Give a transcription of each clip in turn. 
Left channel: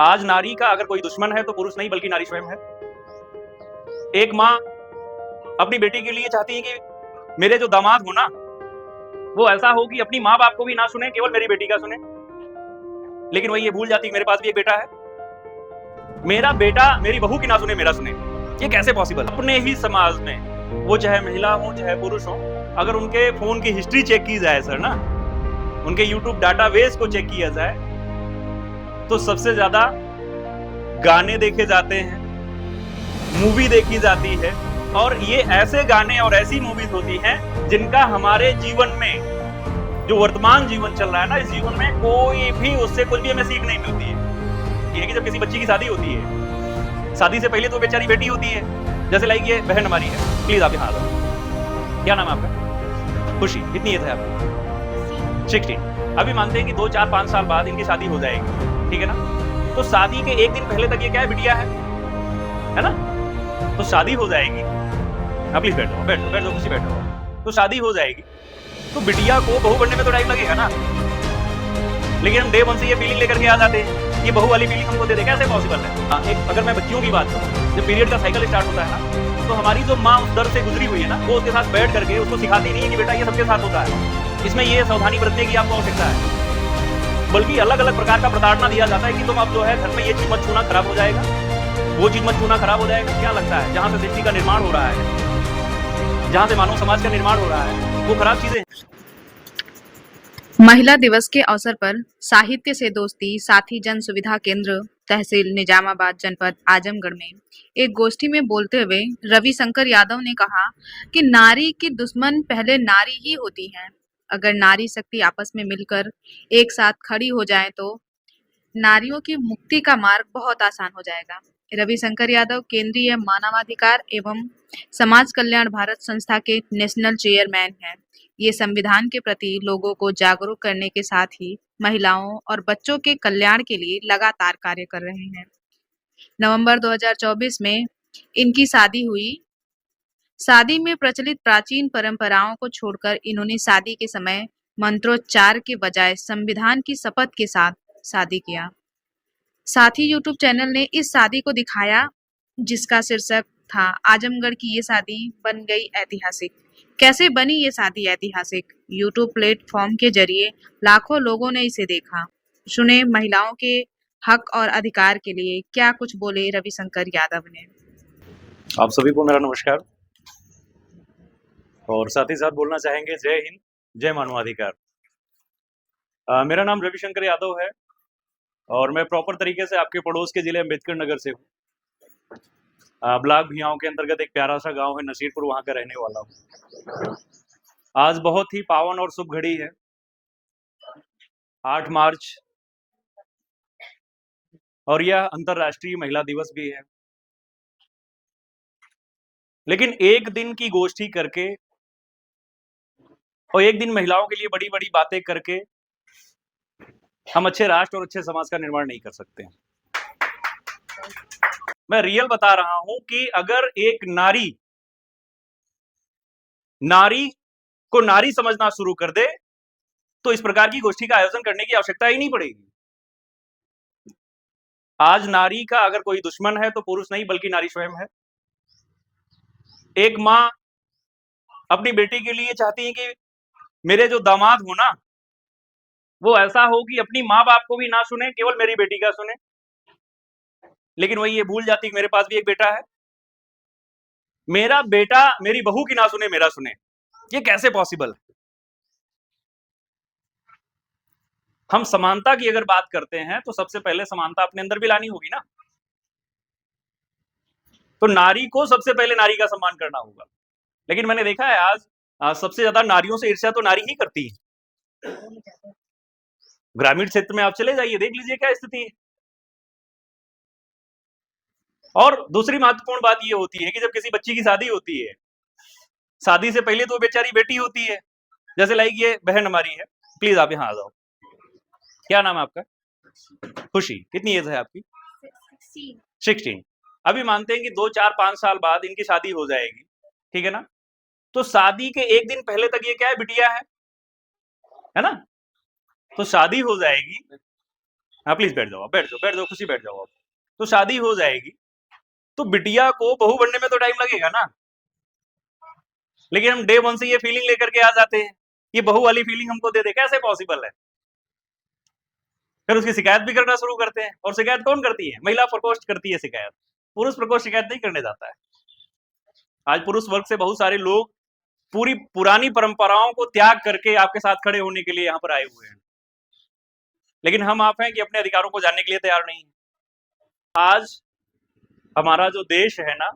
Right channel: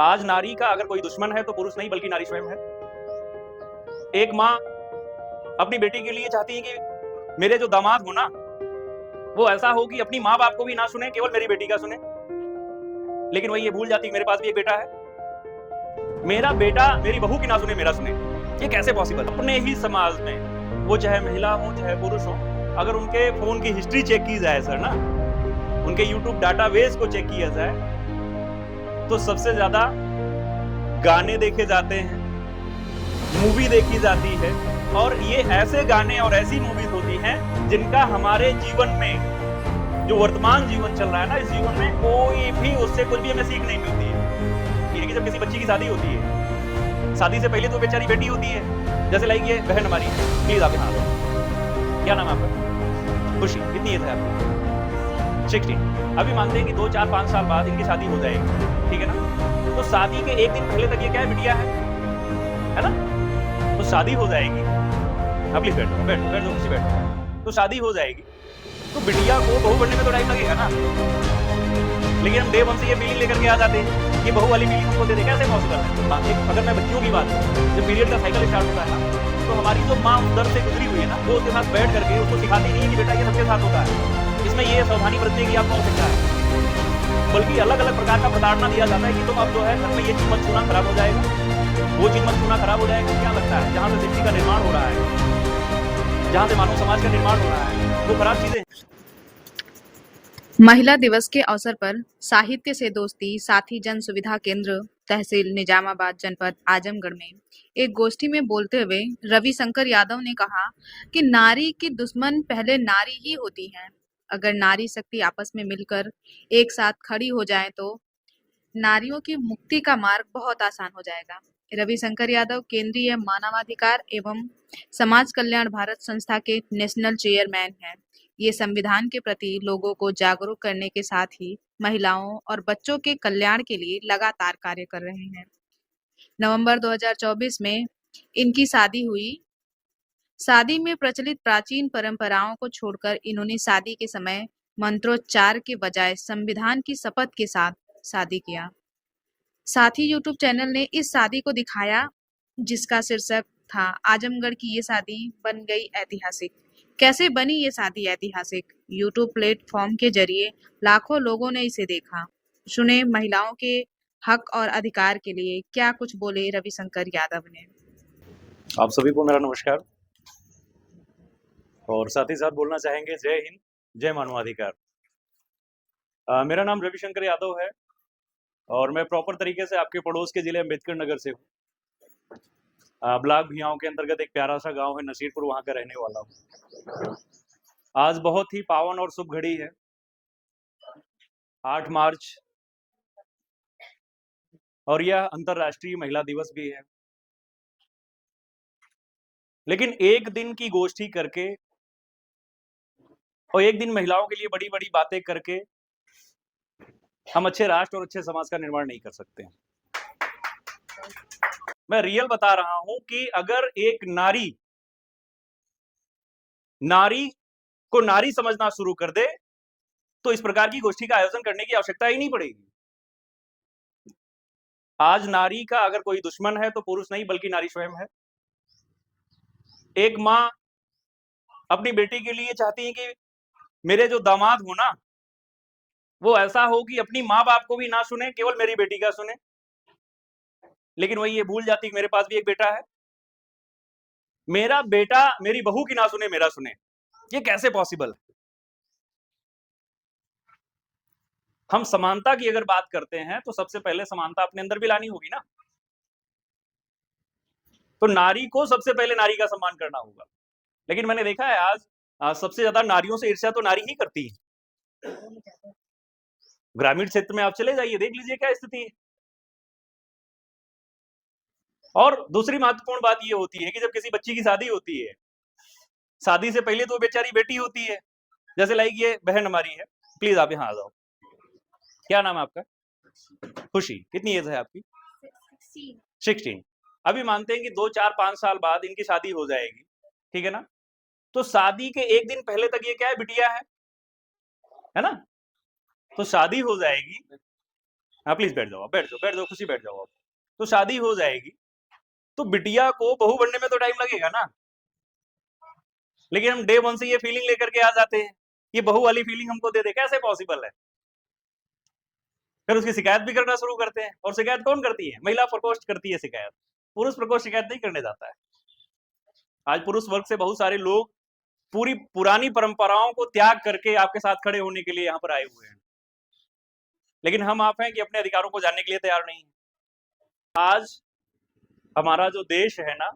आज नारी का अगर कोई दुश्मन है तो पुरुष नहीं बल्कि नारी स्वयं है। एक माँ अपनी बेटी के लिए चाहती है कि मेरे जो दामाद हो ना, वो ऐसा हो कि अपनी माँ-बाप को भी ना सुने, केवल मेरी बेटी का सुने। लेकिन वही ये भूल जाती है मेरे पास भी एक बेटा है। मेरा बेटा मेरी बहू की ना सुने, मेरा सुने। ये कैसे पॉसिबल? अपने ही समाज में, वो चाहे महिला हो, चाहे पुरुष हो, अगर उनके फ़ोन की हिस्ट्री चेक की जाए सर ना, उनके यूट्यूब डाटाबेस को चेक किया जाए, तो सबसे ज़्यादा गाने देखे जाते हैं, मूवी देखी जाती है और ये ऐसे गाने और ऐसी मूवीज़ होती हैं, जिनका हमारे जीवन में, जो वर्तमान जीवन चल रहा है ना, इस जीवन में कोई भी उससे कुछ भी हमें सीख नहीं मिलती है। ये है कि जब किसी बच्ची की शादी होती है, शादी से पहले तो बेचारी बेटी होती है, जैसे लाइक ये बहन हमारी है, प्लीज़ आप यहाँ आ जाओ। क्या नाम है आपका? खुशी। कितनी एज है आपकी? 16। अभी मानते हैं कि 2, 4, 5 साल बाद इनकी शादी हो जाएगी, ठीक है ना? तो शादी के 1 दिन पहले तक ये क्या है, बिटिया है ना? तो शादी हो जाएगी, आप प्लीज़ बैठो, बैठ जाओ, कुर्सी बैठो। तो शादी हो जाएगी, तो बिटिया को बहू बनने में तो टाइम लगेगा ना? लेकिन हम डे 1 से ये फीलिंग लेकर के आ जाते हैं, ये बहू वाली फीलिंग हमको दे दे, कैसे पॉसिबल है? हाँ, अगर मैं बच्चियों की बात करूँ, जब पीरियड का साइकिल स्टार्ट होता है ना, तो हमारी जो माँ उस दर से गुजरी हुई है ना, वो उसके साथ बैठ करके उसको सिखाती नहीं है कि बेटा ये सबके साथ होता है। इसमें ये सावधानी बरतने की आपको आवश्यकता है। बल्कि अलग-अलग प्रकार का प्रताड़ना दिया जाता है कि तुम अब जो है घर में ये चीज़ मत छूना, खराब हो जाएगा, वो चीज़ मत छूना, खराब हो जाएगा। क्या लगता है जहाँ से सृष्टि का निर्माण हो रहा है, जहाँ से मानव समाज का निर्माण हो रहा है, वो खराब चीज़ें। महिला दिवस के अवसर पर साहित्य से दोस्ती साथी जन सुविधा केंद्र तहसील निजामाबाद जनपद आजमगढ़ में एक गोष्ठी में बोलते हुए रविशंकर यादव ने कहा कि नारी की दुश्मन पहले नारी ही होती है। अगर नारी शक्ति आपस में मिलकर एक साथ खड़ी हो जाए तो नारियों की मुक्ति का मार्ग बहुत आसान हो जाएगा। रविशंकर यादव केंद्रीय मानवाधिकार एवं समाज कल्याण भारत संस्था के नेशनल चेयरमैन हैं। ये संविधान के प्रति लोगों को जागरूक करने के साथ ही महिलाओं और बच्चों के कल्याण के लिए लगातार कार्य कर रहे हैं। नवंबर 2024 में इनकी शादी हुई। शादी में प्रचलित प्राचीन परंपराओं को छोड़कर इन्होंने शादी के समय मंत्रोच्चार के बजाय संविधान की शपथ के साथ शादी किया। साथ ही यूट्यूब चैनल ने इस शादी को दिखाया जिसका शीर्षक था आजमगढ़ की ये शादी बन गई ऐतिहासिक। कैसे बनी ये शादी ऐतिहासिक? यूट्यूब प्लेटफॉर्म के जरिए लाखों लोगों ने इसे देखा। सुने महिलाओं के हक और अधिकार के लिए क्या कुछ बोले रविशंकर यादव ने। आप सभी को मेरा नमस्कार और साथ ही साथ बोलना चाहेंगे जय हिंद, जय मानवाधिकार। मेरा नाम रविशंकर यादव है और मैं प्रॉपर तरीके से आपके पड़ोस के जिले अम्बेडकर नगर से हूँ। ब्लॉक भियाओं के अंतर्गत एक प्यारा सा गांव है नसीरपुर, वहां का रहने वाला हूँ। आज बहुत ही पावन और शुभ घड़ी है, 8 मार्च, और यह अंतर्राष्ट्रीय महिला दिवस भी है। लेकिन एक दिन की गोष्ठी करके और एक दिन महिलाओं के लिए बड़ी-बड़ी बातें करके हम अच्छे राष्ट्र और अच्छे समाज का निर्माण नहीं कर सकते। मैं रियल बता रहा हूं कि अगर एक नारी नारी को नारी समझना शुरू कर दे, तो इस प्रकार की गोष्ठी का आयोजन करने की आवश्यकता ही नहीं पड़ेगी। आज नारी का अगर कोई दुश्मन है तो पुरुष नहीं बल्कि नारी स्वयं है। एक माँ अपनी बेटी के लिए चाहती है कि मेरे जो दामाद हो ना, वो ऐसा हो कि अपनी माँ-बाप को भी ना सुने, केवल मेरी बेटी का सुने। लेकिन वही ये भूल जाती है कि मेरे पास भी एक बेटा है। मेरा बेटा मेरी बहू की ना सुने, मेरा सुने। ये कैसे पॉसिबल है? हम समानता की अगर बात करते हैं, तो सबसे पहले समानता अपने अंदर भी लानी होगी ना। तो नारी को सबसे पहले नारी का सम्मान करना होगा। लेकिन मैंने देखा है आज सबसे ज़्यादा नारियों से ईर्ष्या तो नारी ही करती है। ग्रामीण क्षेत्र में आप चले जाइए, देख लीजिए क्या स्थिति है। और दूसरी महत्वपूर्ण बात ये होती है कि जब किसी बच्ची की शादी होती है, शादी से पहले तो वो बेचारी बेटी होती है। जैसे लाइक ये बहन हमारी है, प्लीज़ आप यहाँ आ जाओ। क्या नाम है आपका? खुशी। कितनी एज है आपकी? 16। अभी मानते हैं कि 2, 4, 5 साल बाद इनकी शादी हो जाएगी, ठीक है ना? तो शादी के 1 दिन पहले तक ये क्या है, बिटिया है ना? तो शादी हो जाएगी, हाँ प्लीज बैठ जाओ, बैठ जाओ, खुशी बैठ जाओ आप। तो शादी हो जाएगी, तो बिटिया को बहू बनने में तो टाइम लगेगा ना। लेकिन हम डे वन से ये फीलिंग लेकर के आ जाते हैं, ये बहू वाली फीलिंग हमको दे दे, कैसे पॉसिबल है? फिर उसकी शिकायत भी करना शुरू करते हैं। और शिकायत कौन करती है? महिला प्रकोष्ठ करती है शिकायत। पुरुष प्रकोष्ठ शिकायत नहीं करने जाता है। आज पुरुष वर्ग से बहुत सारे लोग पूरी पुरानी परंपराओं को त्याग करके आपके साथ खड़े होने के लिए यहाँ पर आए हुए हैं, लेकिन हम आप हैं कि अपने अधिकारों को जानने के लिए तैयार नहीं है। आज हमारा जो देश है ना,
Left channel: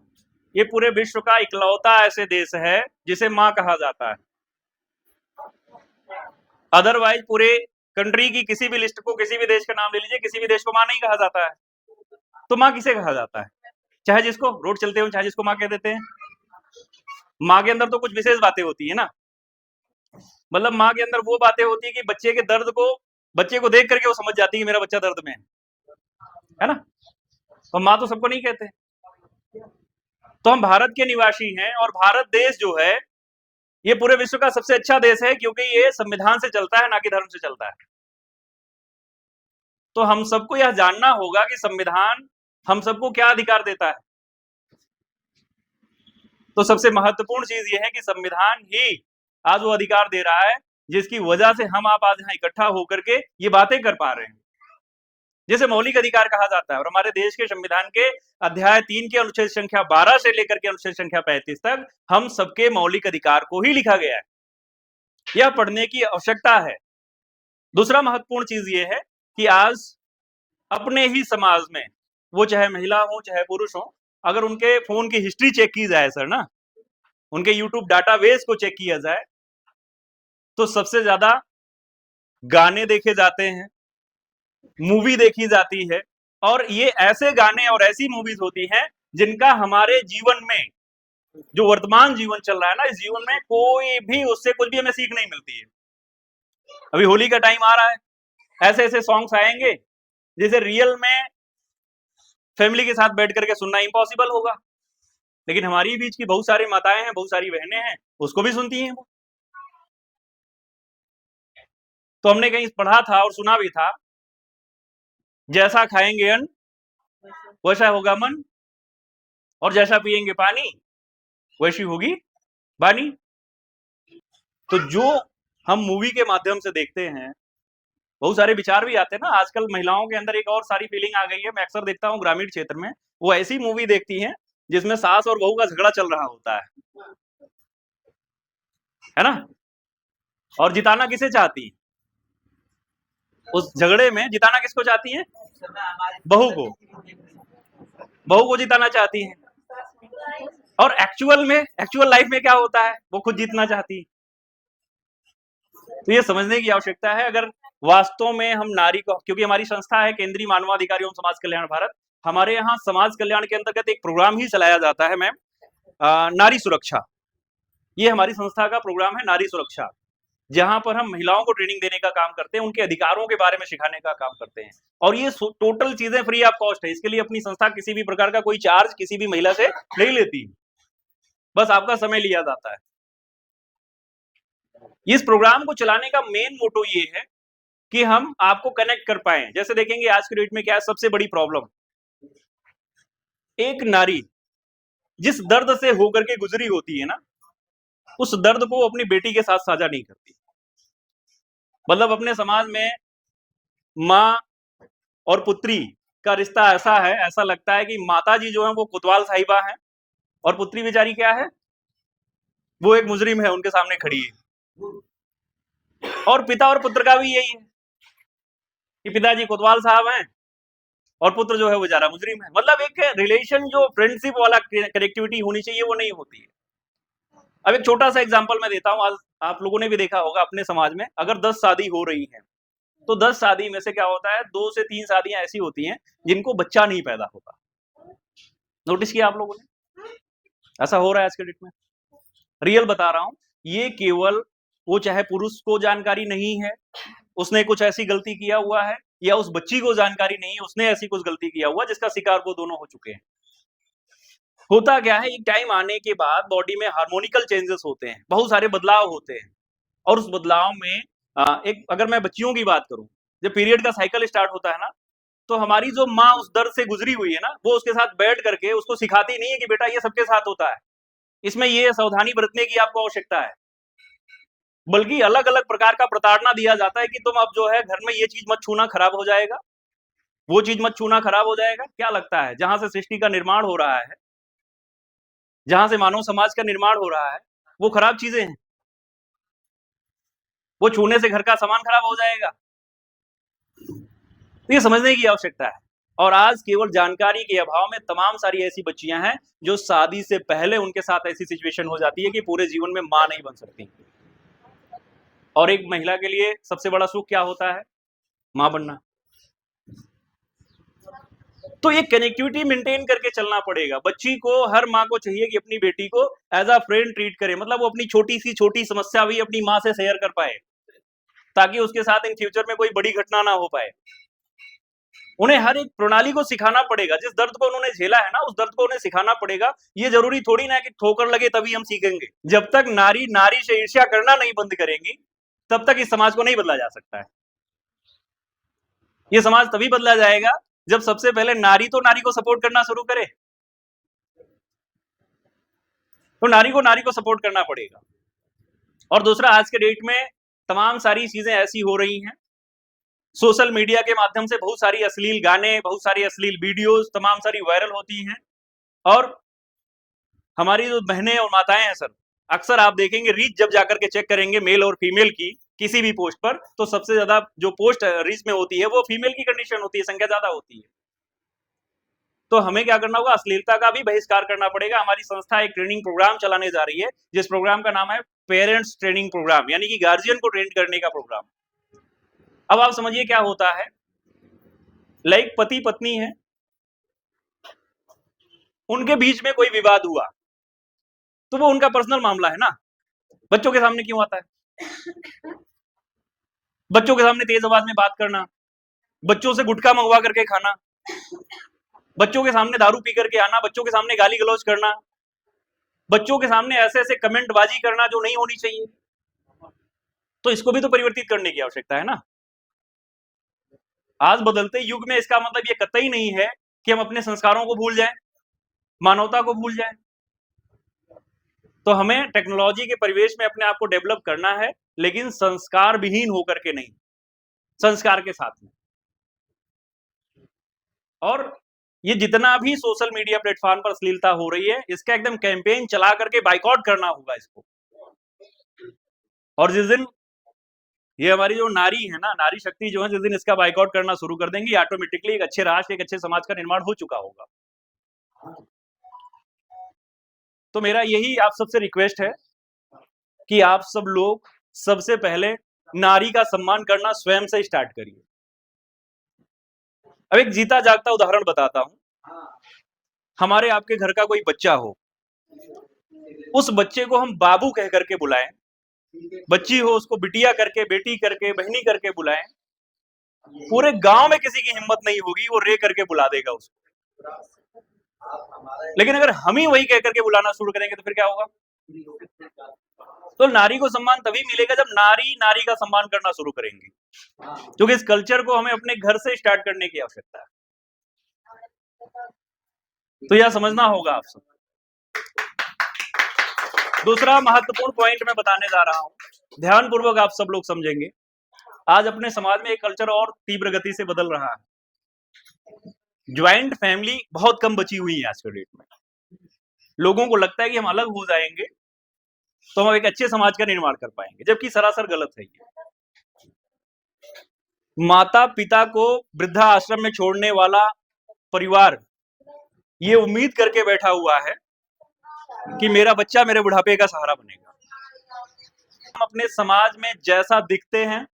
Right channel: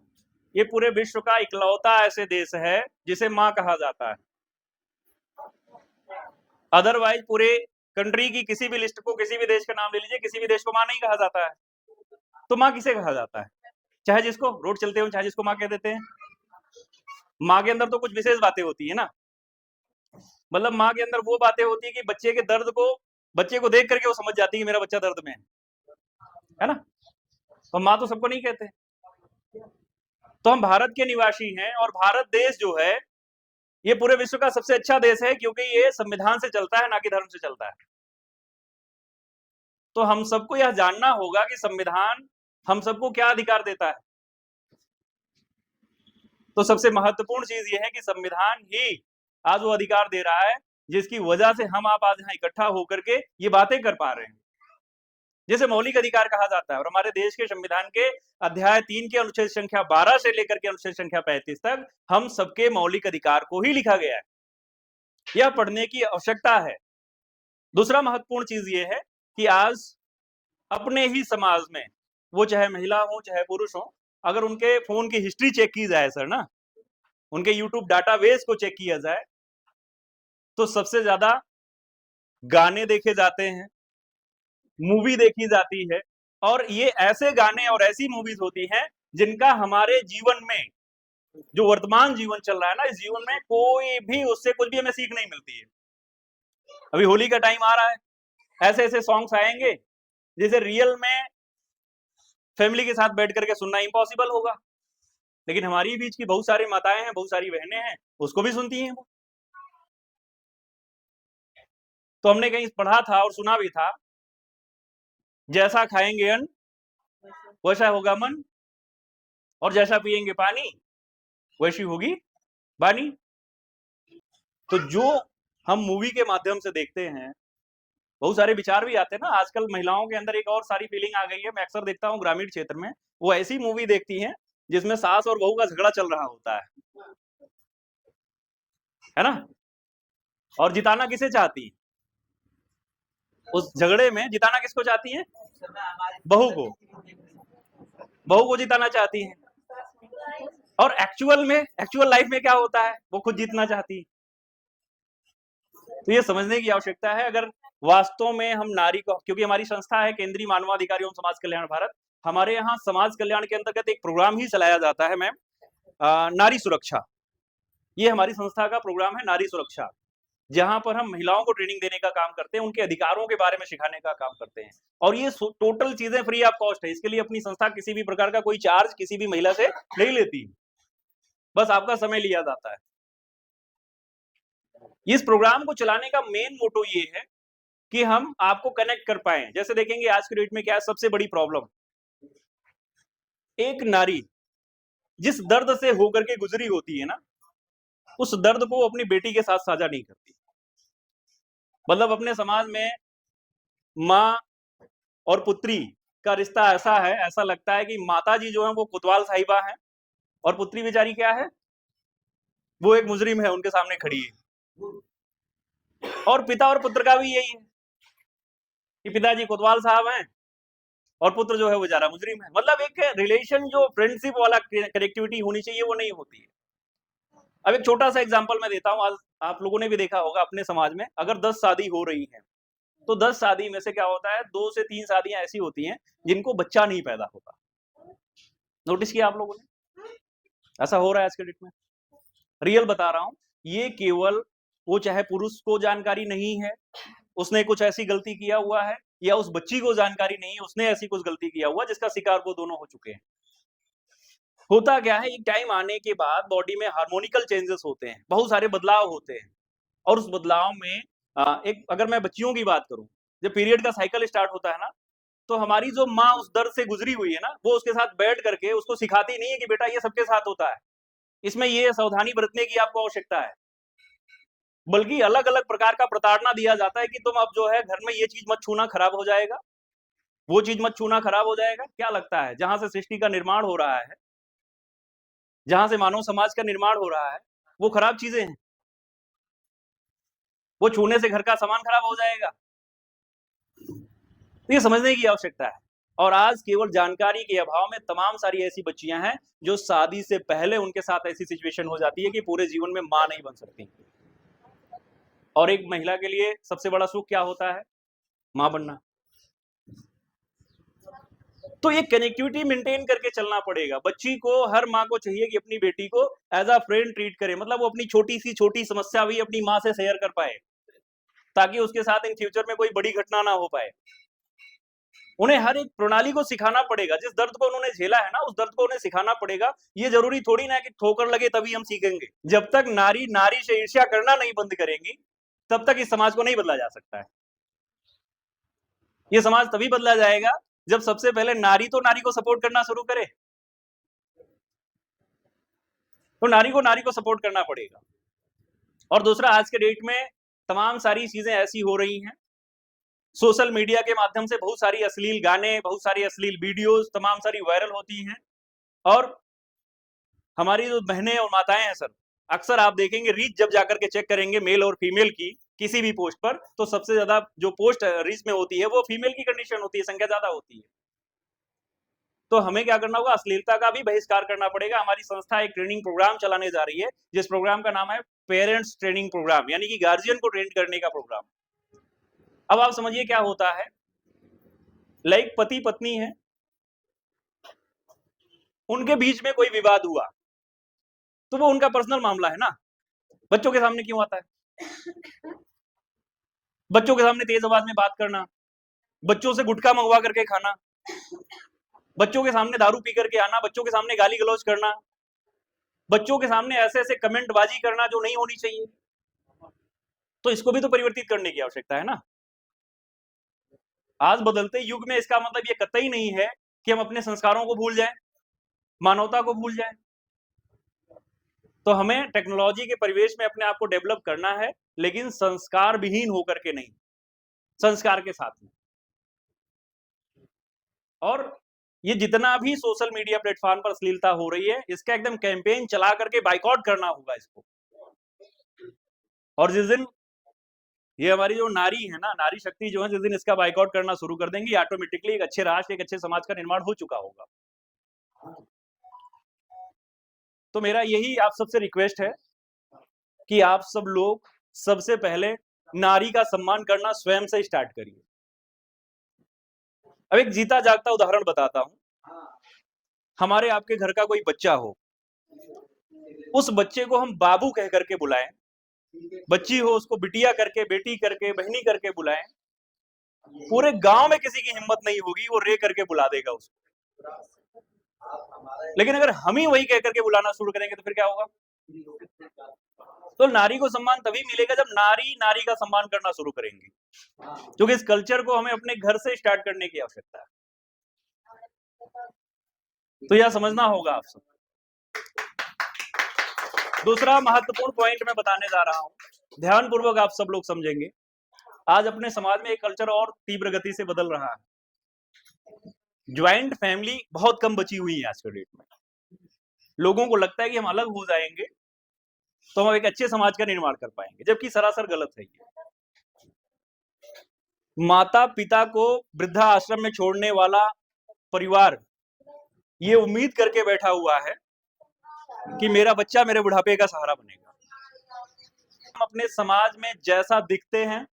ये पूरे विश्व का इकलौता ऐसे देश है जिसे माँ कहा जाता है। अदरवाइज पूरे कंट्री की किसी भी लिस्ट को, किसी भी देश का नाम ले लीजिए, किसी भी देश को माँ नहीं कहा जाता है। तो माँ किसे कहा जाता है? चाहे जिसको रोड चलते हो, चाहे जिसको माँ कह देते हैं। माँ के अंदर तो कुछ विशेष बातें होती है ना, मतलब माँ के अंदर वो बातें होती है कि बच्चे के दर्द को, बच्चे को देख करके वो समझ जाती है कि मेरा बच्चा दर्द में है ना। और माँ तो सबको नहीं कहते। तो हम भारत के निवासी हैं, और भारत देश जो है ये पूरे विश्व का सबसे अच्छा देश है, क्योंकि ये संविधान से चलता है, ना कि धर्म से चलता है। तो हम सबको यह जानना होगा कि संविधान हम सबको क्या अधिकार देता है। तो सबसे महत्वपूर्ण चीज ये है कि संविधान ही आज वो अधिकार दे रहा है जिसकी वजह से हम आप आज यहाँ इकट्ठा होकर के ये बातें कर पा रहे हैं, जिसे मौलिक अधिकार कहा जाता है। और हमारे देश के संविधान के अध्याय 3 के अनुच्छेद संख्या 12 से लेकर के अनुच्छेद संख्या 35 तक हम सबके मौलिक अधिकार को ही लिखा गया है। यह पढ़ने की आवश्यकता है। दूसरा महत्वपूर्ण चीज ये है कि आज अपने ही समाज में, वो चाहे महिला हो चाहे पुरुष हो, अगर उनके फोन की हिस्ट्री चेक की जाए सर ना, उनके यूट्यूब डाटाबेस को चेक किया जाए, तो सबसे ज्यादा गाने देखे जाते हैं, मूवी देखी जाती है, और ये ऐसे गाने और ऐसी मूवीज होती हैं जिनका हमारे जीवन में, जो वर्तमान जीवन चल रहा है ना, इस जीवन में कोई भी उससे कुछ भी हमें सीख नहीं मिलती है। अभी होली का टाइम आ रहा है, ऐसे ऐसे सॉन्ग्स आएंगे जिसे रियल में फैमिली के साथ बैठ करके सुनना इम्पॉसिबल होगा, लेकिन हमारी बीच की बहुत सारी माताएं हैं, बहुत सारी बहनें हैं, उसको भी सुनती हैं वो। तो हमने कहीं पढ़ा था और सुना भी था, जैसा खाएंगे अन्न वैसा होगा मन, और जैसा पिएंगे पानी वैसी होगी वाणी। तो जो हम मूवी के माध्यम से देखते हैं, बहुत सारे विचार भी आते हैं ना। आजकल महिलाओं के अंदर एक और सारी फीलिंग आ गई है, मैं अक्सर देखता हूँ ग्रामीण क्षेत्र में, वो ऐसी मूवी देखती हैं जिसमें सास और बहू का झगड़ा चल रहा होता है ना, और जिताना किसे चाहती है? उस झगड़े में जिताना किसको चाहती है? बहू को, बहू को जिताना चाहती है। और एक्चुअल लाइफ में क्या होता है? वो खुद जीतना चाहती है। तो ये समझने की आवश्यकता है, अगर वास्तव में हम नारी को, क्योंकि हमारी संस्था है केंद्रीय मानवाधिकार एवं समाज कल्याण भारत, हमारे यहाँ समाज कल्याण के अंतर्गत एक प्रोग्राम ही चलाया जाता है मैम, नारी सुरक्षा। ये हमारी संस्था का प्रोग्राम है, नारी सुरक्षा, जहां पर हम महिलाओं को ट्रेनिंग देने का काम करते हैं, उनके अधिकारों के बारे में सिखाने का काम करते हैं। और ये टोटल चीजें फ्री ऑफ कॉस्ट है। इसके लिए अपनी संस्था किसी भी प्रकार का कोई चार्ज किसी भी महिला से नहीं लेती, बस आपका समय लिया जाता है। इस प्रोग्राम को चलाने का मेन मोटो ये है कि हम आपको कनेक्ट कर पाए। जैसे देखेंगे आज के डेट में क्या है सबसे बड़ी प्रॉब्लम, एक नारी जिस दर्द से होकर के गुजरी होती है ना, उस दर्द को अपनी बेटी के साथ साझा नहीं करती। मतलब अपने समाज में माँ और पुत्री का रिश्ता ऐसा है, ऐसा लगता है कि माता जी जो है वो कोतवाल साहिबा है, और पुत्री बेचारी क्या है, वो एक मुजरिम है, उनके सामने खड़ी है। और पिता और पुत्र का भी यही है कि पिताजी कोतवाल साहब हैं और पुत्र जो है वो बेचारा मुजरिम है। मतलब एक रिलेशन जो फ्रेंडशिप वाला कनेक्टिविटी होनी चाहिए वो नहीं होती है। अब एक छोटा सा एग्जांपल मैं देता हूँ, आज आप लोगों ने भी देखा होगा अपने समाज में, अगर 10 शादी हो रही है तो 10 शादी में से क्या होता है, 2 से 3 शादियां ऐसी होती हैं जिनको बच्चा नहीं पैदा होता। नोटिस किया आप लोगों ने? ऐसा हो रहा है आज के डेट में, रियल बता रहा हूं। ये केवल वो चाहे पुरुष को जानकारी नहीं है, उसने कुछ ऐसी गलती किया हुआ है, या उस बच्ची को जानकारी नहीं है, उसने ऐसी कुछ गलती किया हुआ जिसका शिकार वो दोनों हो चुके हैं। होता क्या है, एक टाइम आने के बाद बॉडी में हार्मोनिकल चेंजेस होते हैं, बहुत सारे बदलाव होते हैं, और उस बदलाव में एक, अगर मैं बच्चियों की बात करूं जब पीरियड का साइकिल स्टार्ट होता है ना, तो हमारी जो माँ उस दर्द से गुजरी हुई है ना, वो उसके साथ बैठ करके उसको सिखाती नहीं है कि बेटा ये सबके साथ होता है, इसमें ये सावधानी बरतने की आपको आवश्यकता है, बल्कि अलग अलग प्रकार का प्रताड़ना दिया जाता है कि तुम अब जो है घर में ये चीज मत छूना, खराब हो जाएगा, वो चीज मत छूना, खराब हो जाएगा। क्या लगता है जहां से सृष्टि का निर्माण हो रहा है, जहां से मानव समाज का निर्माण हो रहा है, वो खराब चीजें हैं, वो छूने से घर का सामान खराब हो जाएगा। तो ये समझने की आवश्यकता है। और आज केवल जानकारी के अभाव में तमाम सारी ऐसी बच्चियां हैं जो शादी से पहले उनके साथ ऐसी सिचुएशन हो जाती है कि पूरे जीवन में मां नहीं बन सकती। और एक महिला के लिए सबसे बड़ा सुख क्या होता है? मां बनना। तो ये कनेक्टिविटी मेंटेन करके चलना पड़ेगा। बच्ची को, हर माँ को चाहिए कि अपनी बेटी को एज अ फ्रेंड ट्रीट करे, मतलब वो अपनी छोटी समस्या भी अपनी माँ से शेयर कर पाए, ताकि उसके साथ इन फ्यूचर में कोई बड़ी घटना ना हो पाए। उन्हें हर एक प्रणाली को सिखाना पड़ेगा, जिस दर्द को उन्होंने झेला है ना, उस दर्द को उन्हें सिखाना पड़ेगा। ये जरूरी थोड़ी ना कि ठोकर लगे तभी हम सीखेंगे। जब तक नारी नारी से ईर्ष्या करना नहीं बंद करेंगी, तब तक इस समाज को नहीं बदला जा सकता है। ये समाज तभी बदला जाएगा जब सबसे पहले नारी तो नारी को सपोर्ट करना शुरू करे। तो नारी को सपोर्ट करना पड़ेगा। और दूसरा, आज के डेट में तमाम सारी चीजें ऐसी हो रही हैं, सोशल मीडिया के माध्यम से बहुत सारी अश्लील गाने, बहुत सारी अश्लील वीडियोस तमाम सारी वायरल होती हैं। और हमारी जो बहनें और माताएं हैं सर, अक्सर आप देखेंगे रीच जब जाकर के चेक करेंगे मेल और फीमेल की किसी भी पोस्ट पर, तो सबसे ज्यादा जो पोस्ट रीच में होती है वो फीमेल की कंडीशन होती है, संख्या ज्यादा होती है। तो हमें क्या करना होगा? अश्लीलता का भी बहिष्कार करना पड़ेगा। हमारी संस्था एक ट्रेनिंग प्रोग्राम चलाने जा रही है, जिस प्रोग्राम का नाम है पेरेंट्स ट्रेनिंग प्रोग्राम, यानी कि गार्जियन को ट्रेन करने का प्रोग्राम। अब आप समझिए क्या होता है, लाइक पति पत्नी है, उनके बीच में कोई विवाद हुआ, तो वो उनका पर्सनल मामला है ना, बच्चों के सामने क्यों आता है? बच्चों के सामने तेज आवाज में बात करना, बच्चों से गुटखा मंगवा करके खाना, बच्चों के सामने दारू पी करके आना, बच्चों के सामने गाली गलौज करना, बच्चों के सामने ऐसे ऐसे कमेंटबाजी करना जो नहीं होनी चाहिए। तो इसको भी तो परिवर्तित करने की आवश्यकता है ना। आज बदलते युग में इसका मतलब ये कतई नहीं है कि हम अपने संस्कारों को भूल जाएं, मानवता को भूल जाएं। तो हमें टेक्नोलॉजी के परिवेश में अपने आप को डेवलप करना है, लेकिन संस्कार विहीन होकर के नहीं, संस्कार के साथ में। और ये जितना भी सोशल मीडिया प्लेटफॉर्म पर अश्लीलता हो रही है, इसका एकदम कैंपेन चला करके बाइकआउट करना होगा इसको। और जिस दिन ये हमारी जो नारी है ना, नारी शक्ति जो है, जिस दिन इसका बाइकआउट करना शुरू कर देंगी, ऑटोमेटिकली एक अच्छे राष्ट्र, एक अच्छे समाज का निर्माण हो चुका होगा। तो मेरा यही आप सबसे रिक्वेस्ट है कि आप सब लोग सबसे पहले नारी का सम्मान करना स्वयं से स्टार्ट करिए। अब एक जीता जागता उदाहरण बताता हूं। हमारे आपके घर का कोई बच्चा हो, उस बच्चे को हम बाबू कह करके बुलाएं, बच्ची हो उसको बिटिया करके, बेटी करके, बहनी करके बुलाएं, पूरे गांव में किसी की हिम्मत नहीं होगी, वो रे करके बुला देगा उसको। लेकिन अगर हम ही वही कह करके बुलाना शुरू करेंगे तो फिर क्या होगा? तो नारी को सम्मान तभी मिलेगा जब नारी नारी का सम्मान करना शुरू करेंगे, क्योंकि इस कल्चर को हमें अपने घर से स्टार्ट करने की आवश्यकता है। तो यह समझना होगा आप सब। दूसरा महत्वपूर्ण पॉइंट मैं बताने जा रहा हूं, ध्यानपूर्वक आप सब लोग समझेंगे। आज अपने समाज में एक कल्चर और तीव्र गति से बदल रहा है। ज्वाइंट फैमिली बहुत कम बची हुई है आज के डेट में। लोगों को लगता है कि हम अलग हो जाएंगे तो हम एक अच्छे समाज का निर्माण कर पाएंगे, जबकि सरासर गलत है ये। माता पिता को वृद्धा आश्रम में छोड़ने वाला परिवार ये उम्मीद करके बैठा हुआ है कि मेरा बच्चा मेरे बुढ़ापे का सहारा बनेगा। हम अपने समाज में जैसा दिखते हैं,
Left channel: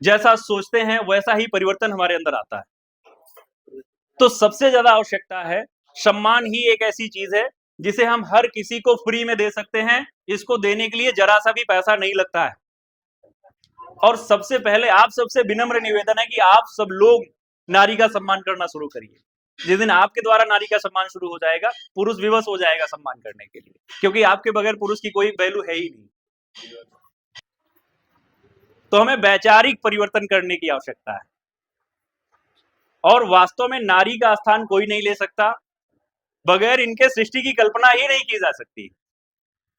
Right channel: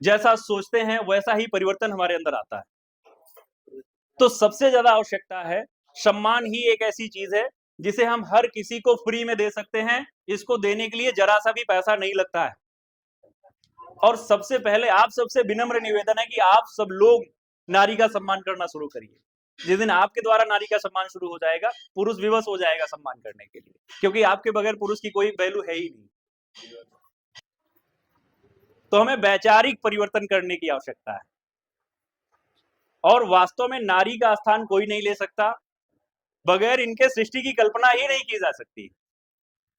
जैसा सोचते हैं, वैसा ही परिवर्तन हमारे अंदर आता है। तो सबसे ज्यादा आवश्यकता है, सम्मान ही एक ऐसी चीज है जिसे हम हर किसी को फ्री में दे सकते हैं। इसको देने के लिए जरा सा भी पैसा नहीं लगता है। और सबसे पहले आप सबसे विनम्र निवेदन है कि आप सब लोग नारी का सम्मान करना शुरू करिए। जिस दिन आपके द्वारा नारी का सम्मान शुरू हो जाएगा, पुरुष विवश हो जाएगा सम्मान करने के लिए, क्योंकि आपके बगैर पुरुष की कोई वैल्यू है ही नहीं। तो हमें वैचारिक परिवर्तन करने की आवश्यकता है। और वास्तव में नारी का स्थान कोई नहीं ले सकता, बगैर इनके सृष्टि की कल्पना ही नहीं की जा सकती।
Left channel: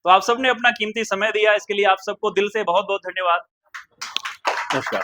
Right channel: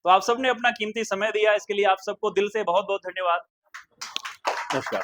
तो आप सबने अपना कीमती समय दिया, इसके लिए आप सबको दिल से बहुत-बहुत धन्यवाद। नमस्कार।